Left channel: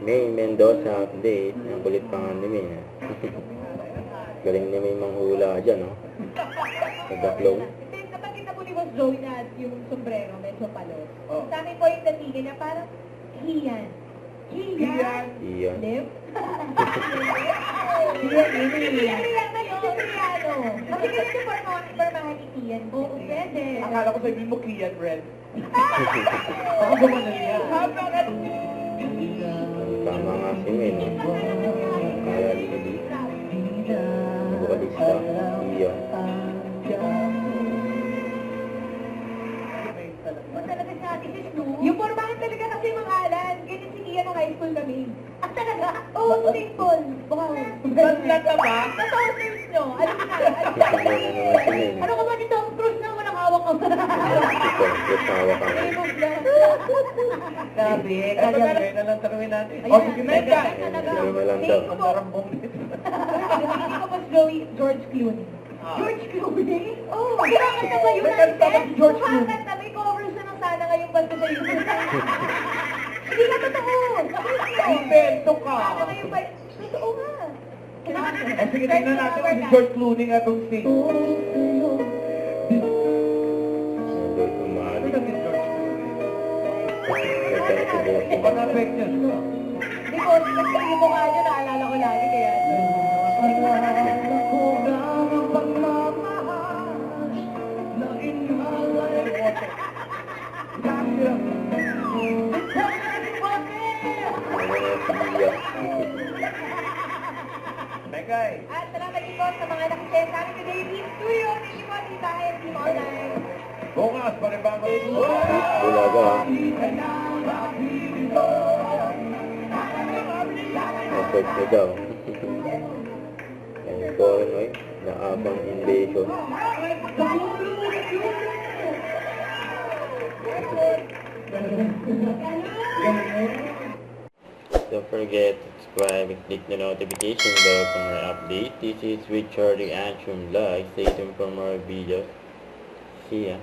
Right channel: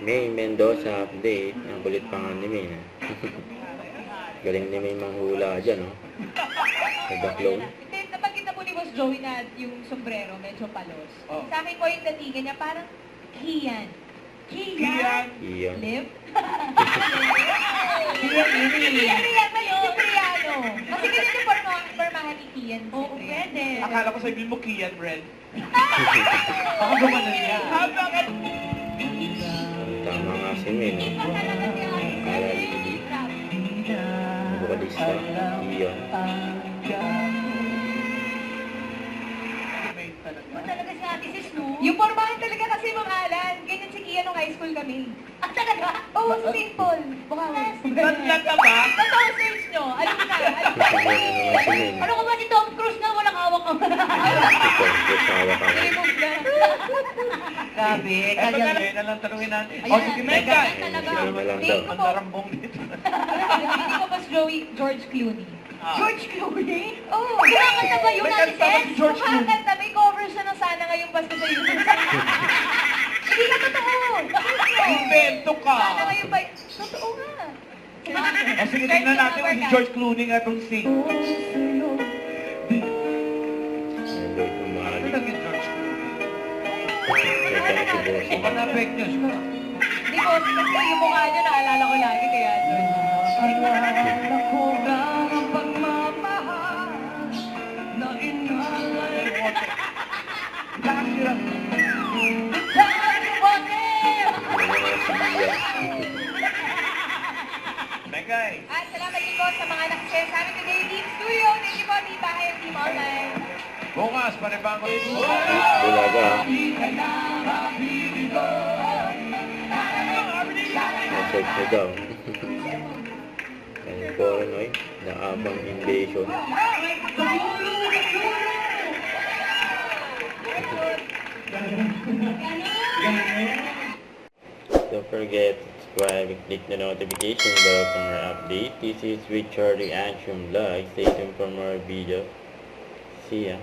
May Mendoza update. Ang kulit pa nga ni May. Galing ni May manghula dyan, no? Nagbaklong. Nabanggit na po ni Boss Joey na yung sombrero medyo palos. Oh. Sa akin po yung datingan niya parang Kian. Kian. Iyon. Liv? Kian, yun eh. Kian, mali si Priano. Kasi ganyan yung formahan ni Kian. Oo, pwede. Akala ko sabihin mo Kian Red. Baka gumanan niya. Bakit? Tama nga si May, no? Akala ni Bukalista. Iyon. Talaga si Ate Sis, no? Yung formahan talaga kasi mga Alan. Ganyan si Kian nung high school kami. Ah, talaga? Oo, simple. Bukawas. Tatlag ka ba? Totoo, search nyo. Alam na. Ano naman si May, no? Ano ka ba si Tom Cruise na walang hawak ka? Ito, yes, nawa ka nga. Remove lang. Grabe, Eh, kaya... magaling na lang tanungin natin. Ayan, O, sige, Mega. talaga. Normal lang Tingin daw. ko Ang po- larambong dito. Hindi ko mas George Clooney. Ah. George Clooney? Oo. Kumakanta ba yun, May Ate kanta ba si Tess? George Clooney? Kumakanta, may cover siya ng Sana Ngayong Pasko sa YouTube. Hindi ka totoo. Invento ka. Sana Ngayong Pasko. Totoo nga. O, sige, tingnan natin kung si George Clooney nga itong sing. Ang gawit ng Ano mahali. naging George Clooney? May tanong si Bossing. Baka na-fake news ka. Hindi ko, kasi yung mukha niya naalala ko lagi kaya. Ano naman si Iya. Megay. At salamat din po sa mga nakishare sa amin today, Team Studio. Thank you po, Team Bahay, Team Online. Bukas, panibago ito. Bulaga. Nasod na daw. Ang Coronoy, na Abang Invasion. Don't forget to subscribe and click the notification bell for more updates. This is Richard Reaction Vlog. Stay tuned for more videos. See ya.